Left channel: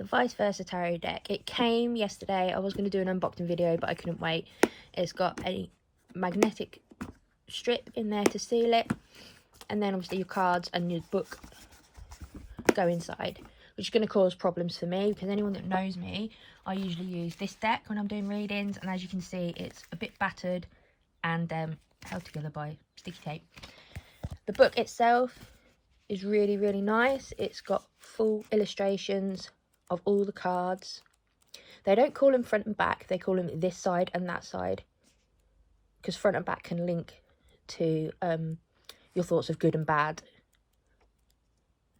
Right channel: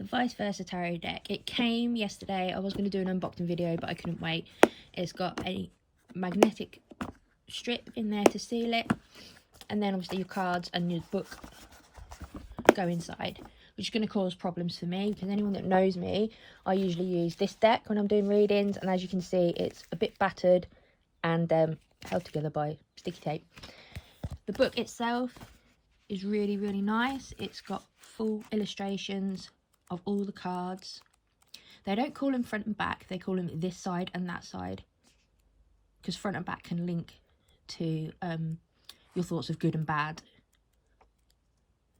the ViceVersa Tarot Deck. It came yesterday. I was going to do an unboxing video, but I couldn't wait. It's got a magnetic strip in there to seal it, and then obviously your cards and your book go inside, which is going to cause problems for me, because anyone that knows me, I usually use this deck when I'm doing readings, and as you can see, it's a bit battered and held together by sticky tape. The book itself is really, really nice. It's got full illustrations of all the cards. They don't call them front and back, they call them this side and that side, because front and back can link to your thoughts of good and bad.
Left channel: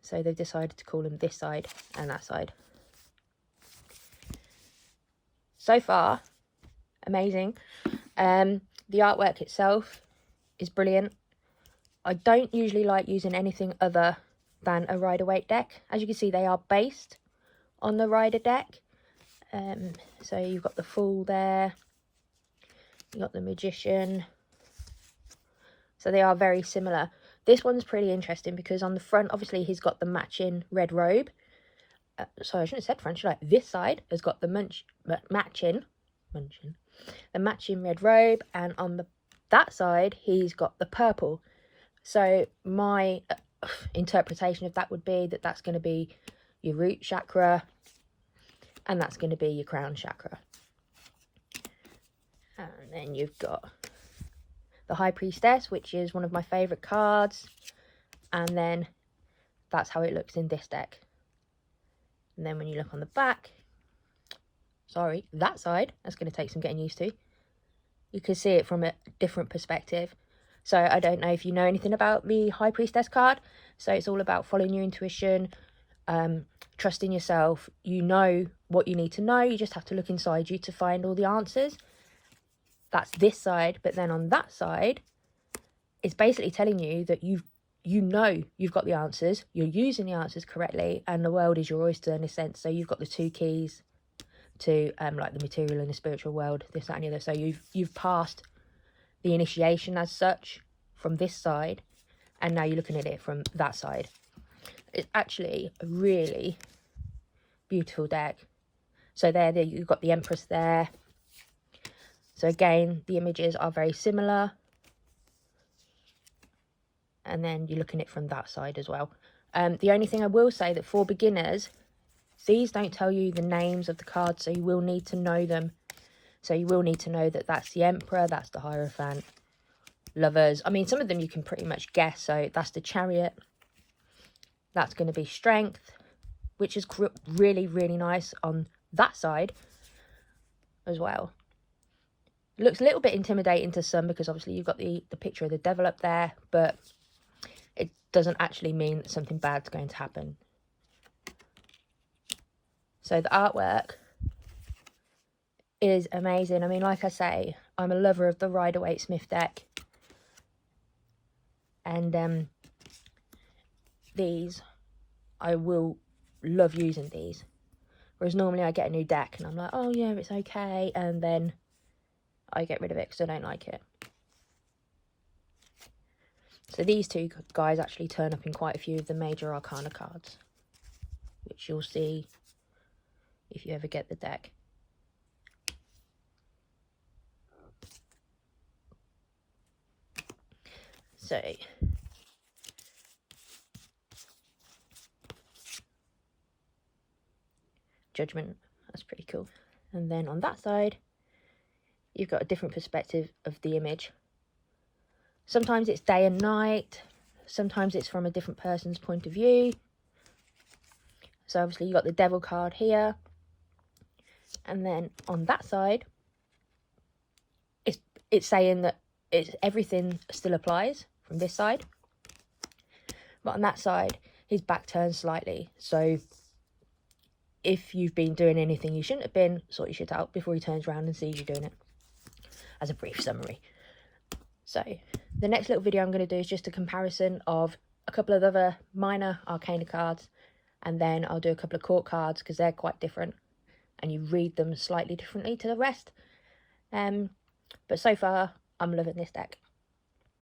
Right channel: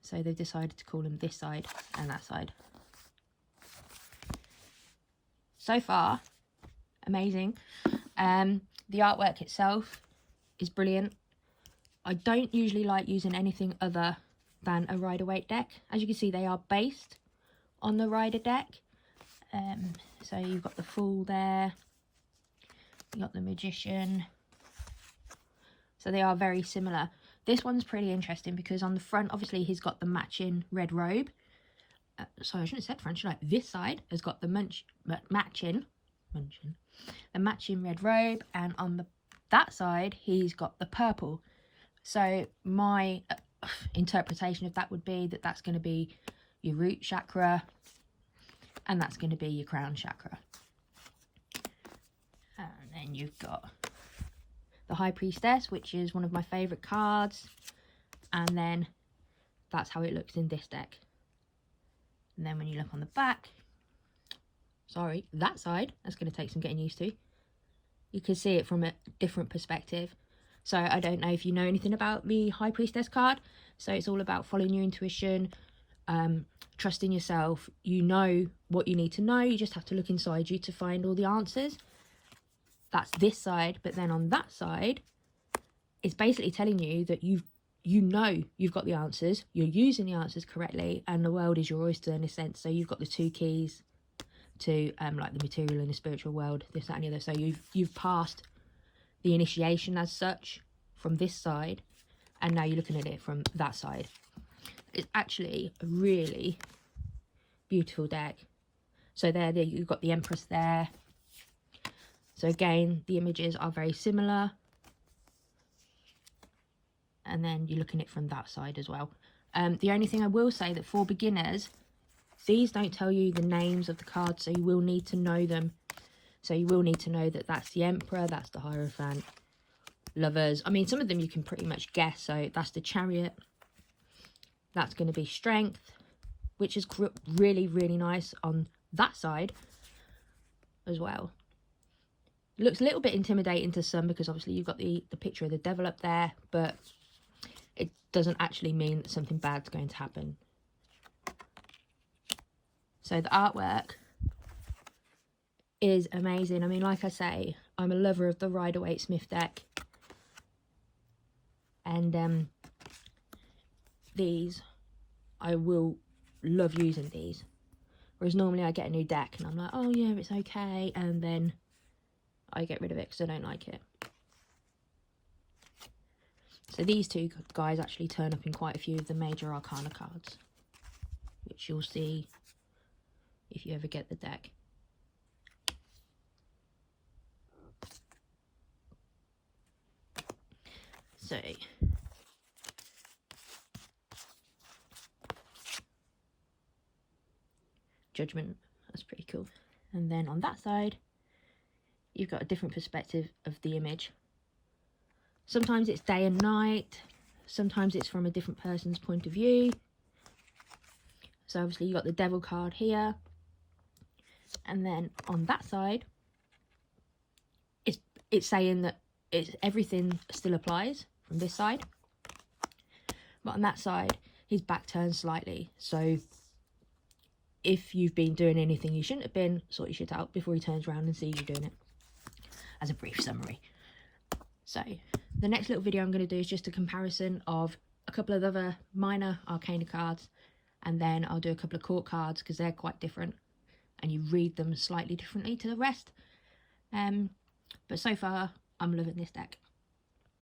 So they've decided to call them this side and that side. So far, amazing. The artwork itself is brilliant. I don't usually like using anything other than a Rider Waite deck. As you can see, they are based on the Rider deck. So you've got the Fool there, you got the Magician. So they are very similar. This one's pretty interesting because on the front, obviously, he's got the matching red robe. Sorry, I shouldn't have said front, should I? This side has got the matching red robe, and on that side, he's got the purple. So my interpretation of that would be that that's going to be your root chakra, and that's going to be your crown chakra. And then you've got the High Priestess, which is one of my favourite cards, and then that's how it looks in this deck. And then when you look on the back, sorry, that side, that's going to take some getting used to. You can see it from a different perspective. So I don't know if you know anything about the High Priestess card. So it's all about following your intuition, trusting yourself. You know what you need to know. You just have to look inside you to find all the answers. That's this side. But then on that side, it's basically telling you that you know you've got the answers. You're using the answers correctly. And the world is your oyster in a sense. So you've got the two keys to like the material and the spiritual world, this, that and the other. So you've passed the initiation as such from this side, and now you're looking at it from that side. It's actually a really beautiful deck. So there you've got the Empress there. So again, the images are very similar, and then you're looking at it from that side as well. The only thing I will say that for beginners, these don't tell you the names of the cards, so you will need to know them. So you will need to know that that's the Emperor, that's the Hierophant, Lovers. I mean, some of them you can pretty much guess. So that's the Chariot. That's going to be Strength, which is really, really nice on that side as well. It looks a little bit intimidating to some because obviously you've got the picture of the devil up there, but it doesn't actually mean that something bad's going to happen. So the artwork is amazing. I mean, like I say, I'm a lover of the Rider Waite Smith deck, and these, I will love using these, whereas normally I get a new deck and I'm like, oh yeah, it's okay, and then I get rid of it because I don't like it. So these two guys actually turn up in quite a few of the major arcana cards, which you'll see if you ever get the deck. So Judgment, that's pretty cool. And then on that side, you've got a different perspective of the image. Sometimes it's day and night, sometimes it's from a different person's point of view. So obviously you've got the Devil card here, and then on that side, it's saying that everything still applies from this side, but on that side his back turns slightly. So if you've been doing anything you shouldn't have been, sort your shit out before he turns around and sees you doing it, as a brief summary. So the next little video I'm going to do is just a comparison of a couple of other minor arcana cards, and then I'll do a couple of court cards because they're quite different and you read them slightly differently to the rest. But so far I'm loving this deck.